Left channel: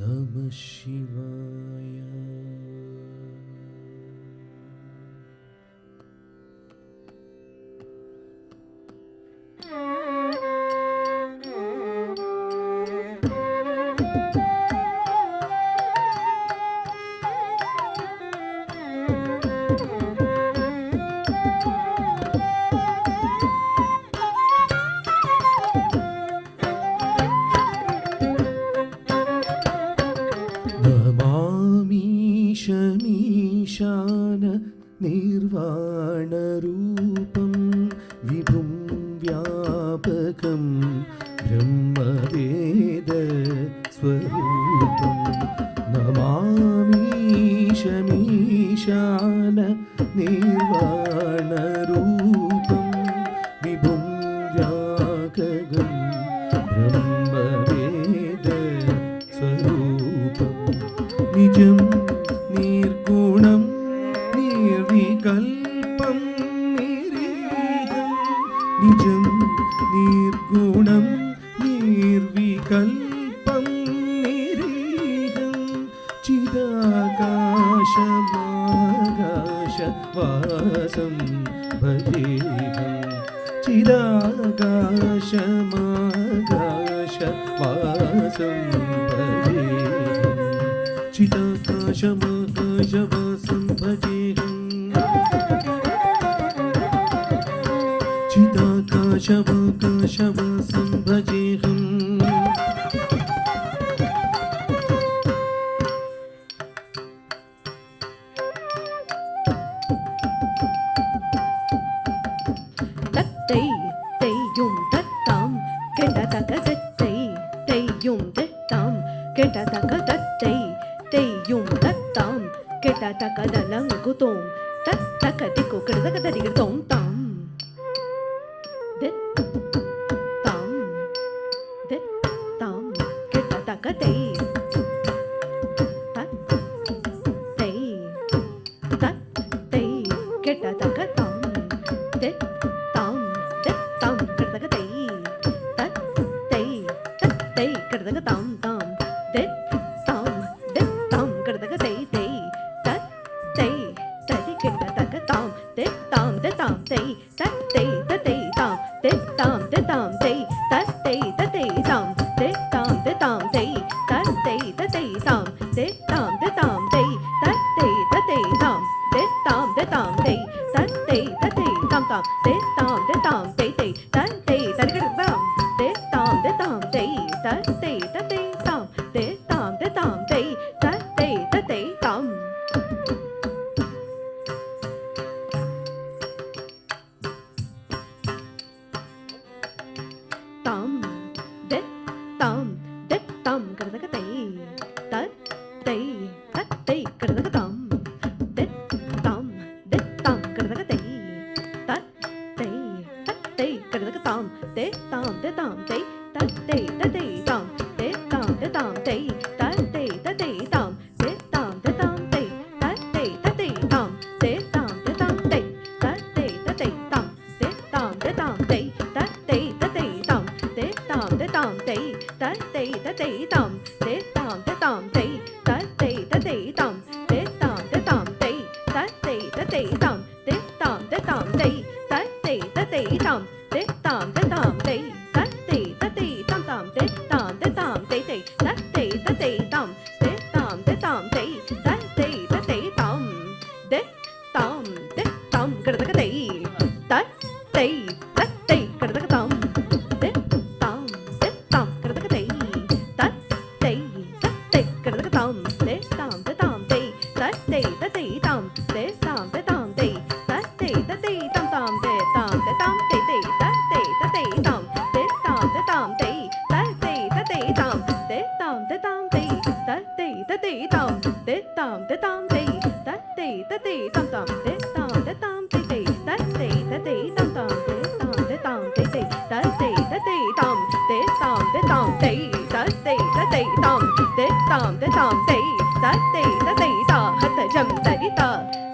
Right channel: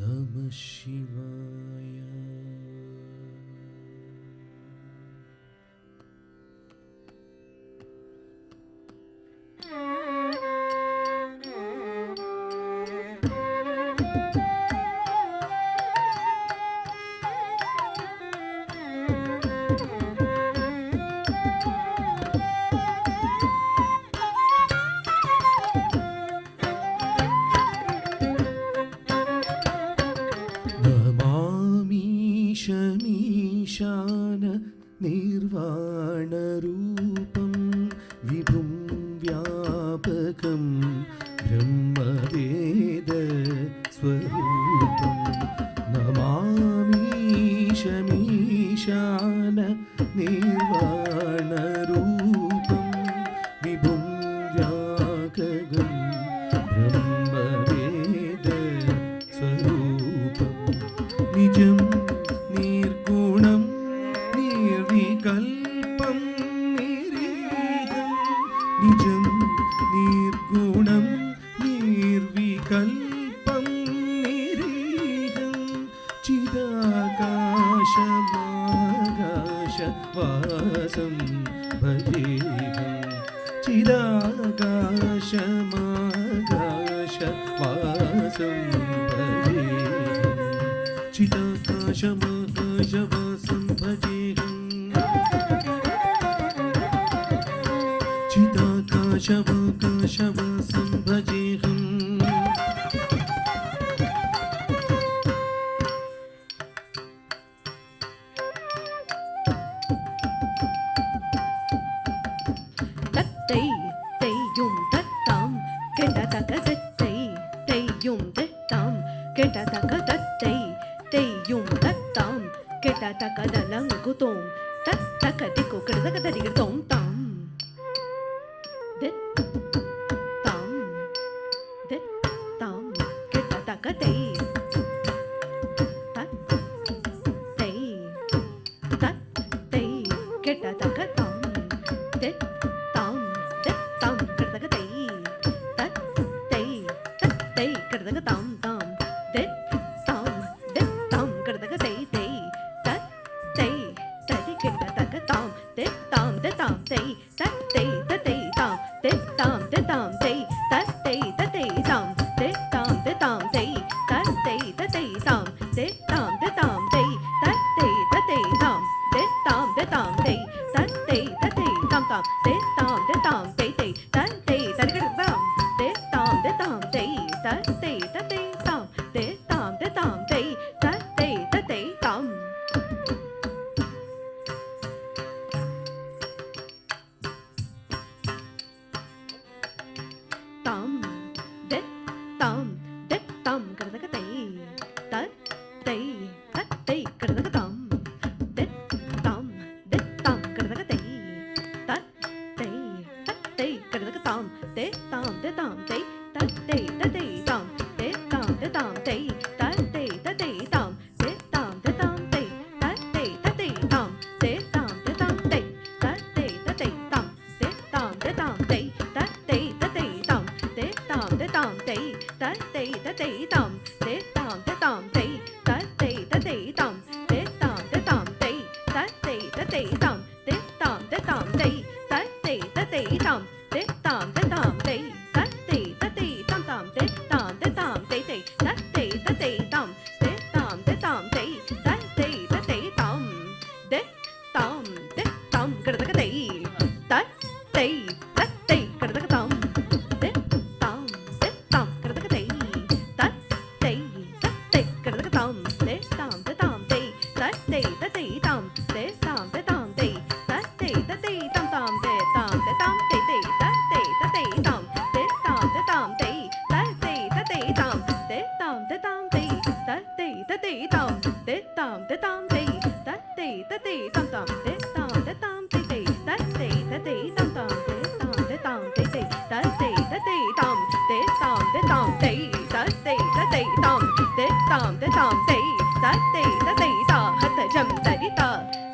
நம சிவாய. नमामीशमीशान निर्वाणरूपं विभुं व्यापकं ब्रह्मवेदस्वरूपं. नमामीशमीशान निर्वाणरूपं विभुं व्यापकं ब्रह्मवेदस्वरूपं. निजं निर्गुणं निर्विकल्पं निरीहं. निजं निर्गुणं निर्विकल्पं निरीहं. चिदाकाशमाकाशवासं भजेऽहं. चिदाकाशमाकाशवासं भजेऽहं. चिदाकाशमाकाशवासं भजेऽहं. चिदाकाशमाकाशवासं भजेऽहं. தத்தை தெய்யும் தத்தாம் கெட்டதக தத்தை தெய்யும் தத்தாம் கெட்டதக தத்தை தெய்யும் தத்தாம் கெட்டதக தலங்குதோம் தத்தக திக்கு கெட்டதக தரிகதோம் தாம் தாம் தாம் கெட்டதக தை தத்தை தத்தை கெட்டதக தாம் தாம் தாம் கெட்டதக தை தத்தை தத்தை கெட்டதக தாம் தாம் தாம் தாம் கெட்டதக தை தை தத்தை ததி கெட்டதக தாம் தாம் தாம் தை தத்தை தத்தை தாம் தாம் தாம் தை தத்தை தத்தை தாம் தாம் தாம் தை தத்தை தத்தை தாம் தாம் தாம் தை தத்தை தத்தை தாம் தாம் தாம் தை தத்தை தத்தை தாம் தாம் தாம் தாம் தை தை தத்தை தரிகடதாம் தாம் தாம் தை தத்தை தத்தை தாம் தாம் தாம் தை தத்தை தத்தை தாம். தாம் தாம் தாம் கரதக தை தத்தை தத்தை கரதக தாம் தாம் தாம் கரதக தை தத்தை தத்தை கரதக தாம் தாம் தாம் தை தத்தை தத்தை தாம் தாம் தாம் தை தத்தை தத்தை தாம் தாம் தாம் தை தத்தை தத்தை தாம் தாம் தாம் தை தத்தை தத்தை தாம் தாம் தாம் தை தத்தை தத்தை தாம் தாம் தாம் தை தத்தை தத்தை தாம் தாம் தாம் தை தத்தை தத்தை தாம் தாம் தாம் தை தத்தை தத்தை தாம் தாம் தாம் தை தத்தை தத்தை தாம் தாம் தாம் தை தத்தை தத்தை தாம் தாம் தாம் தாம் தை தை தத்தை தத்தை தாம் தாம் தாம் தை தத்தை தத்தை தாம் தாம் தாம் கரதக தை தத்தை தத்தை கரதக தாம் தாம் தாம் கரதக தை தத்தை தத்தை கரதக தாம் தாம் தாம் தை தத்தை தத்தை தாம் தாம் தாம் தை தத்தை தத்தை தாம் தாம் தாம் தை தை தத்தை தத்தை தாம் தாம் தாம் தை தத்தை தத்தை தாம் தாம் தாம் தை தத்தை தத்தை தாம் தாம் தாம் தை தத்தை தத்தை தாம் தாம் தாம் தை தை தத்தை தத்தை தாம் தாம் தாம் தை தை தத்தை தத்தை தாம் தாம் தாம் தை தத்தை தத்தை தாம் தாம் தாம் தை தத்தை தத்தை தா ஹத ஜம் தரி தா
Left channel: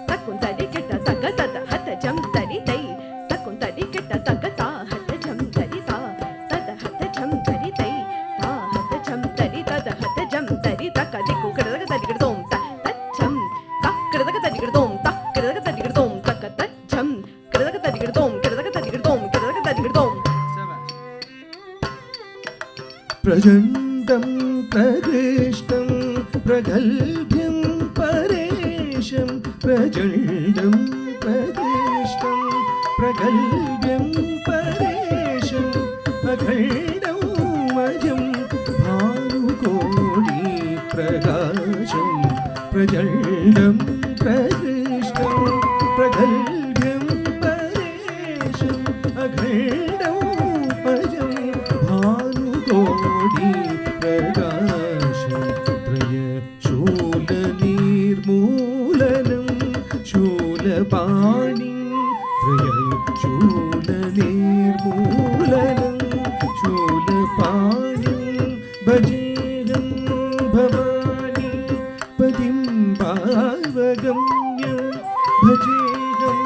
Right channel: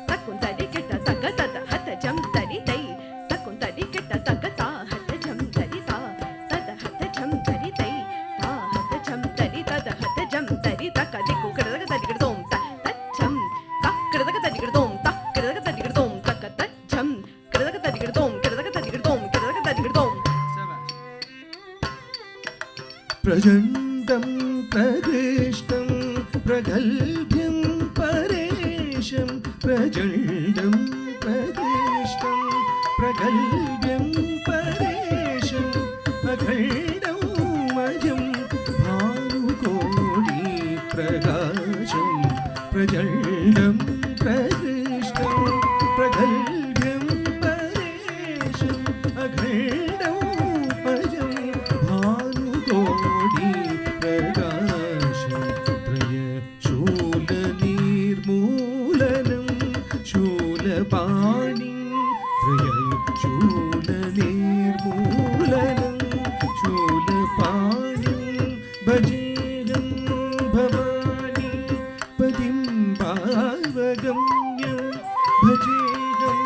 தக்குன் தரி கிட்ட தக தத ஹத ஜம் தரி தை தக்குன் தரி கிட்ட தக தா ஹத ஜம் தரி தா தத ஹத ஜம் தரி தை தா ஹத ஜம் தரி தத ஹத ஜம் தரி தக प्रचण्डं प्रकृष्टं प्रगल्भ्यं परेशं प्रचण्डं प्रकृष्टं प्रगल्भ्यं परेशम् अखण्डं मजं भानुकोटि प्रकाशं प्रचण्डं प्रकृष्टं प्रगल्भ्यं परेशम् अखण्डं मजं भानुकोटि प्रकाशं त्रयशूलनिर्मूलनं शूलपाणिं त्रयशूलनिर्मूलनं शूलपाणिं भजेहं भवानी पतिं भावगम्यं भजेहं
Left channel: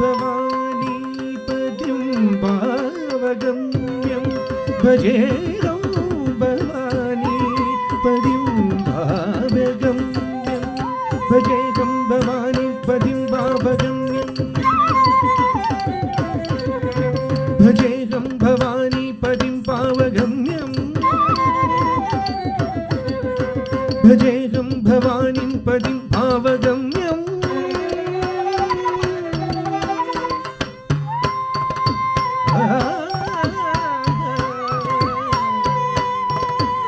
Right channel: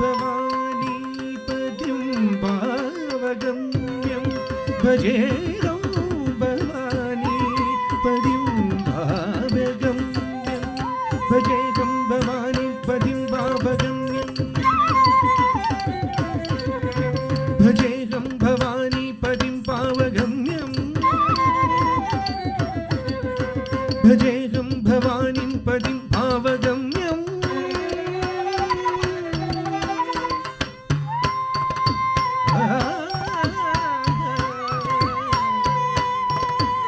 भवानी पतिं भावगम्यं भजेहं भवानी पतिं भावगम्यं भजेहं भवानी पतिं भावगम्यं भजेहं भवानी पतिं पावगम्यं भजेहं भवानीं पतिं पावगम्यं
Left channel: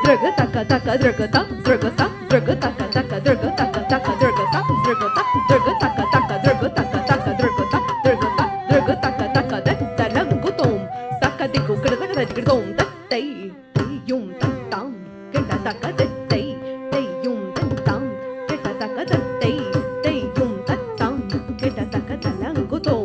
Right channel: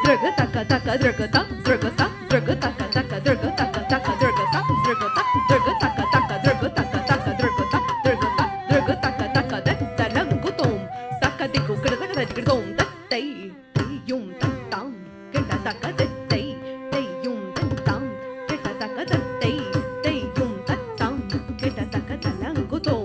ദ്രഗ തക തക ദ്രഗ ത ദ്രഗ ത ദ്രഗ തക തക ദ്രഗ തക തക ദ്രഗ ത ദ്രഗ ത ദ്രഗ തക തക ദ്രഗ തക തക ദ്രഗ ത ദ്രഗ ത ദ്രഗ തക തക ദ തലങ്കുതോം തക ദിക്കു കൃതക ദരികടോം തൈ തൈയും തത്താം കട തക തൈ തൈയും തത്താം കട തക തൈ തൈയും തത്താം കട തക തലങ്കുതോം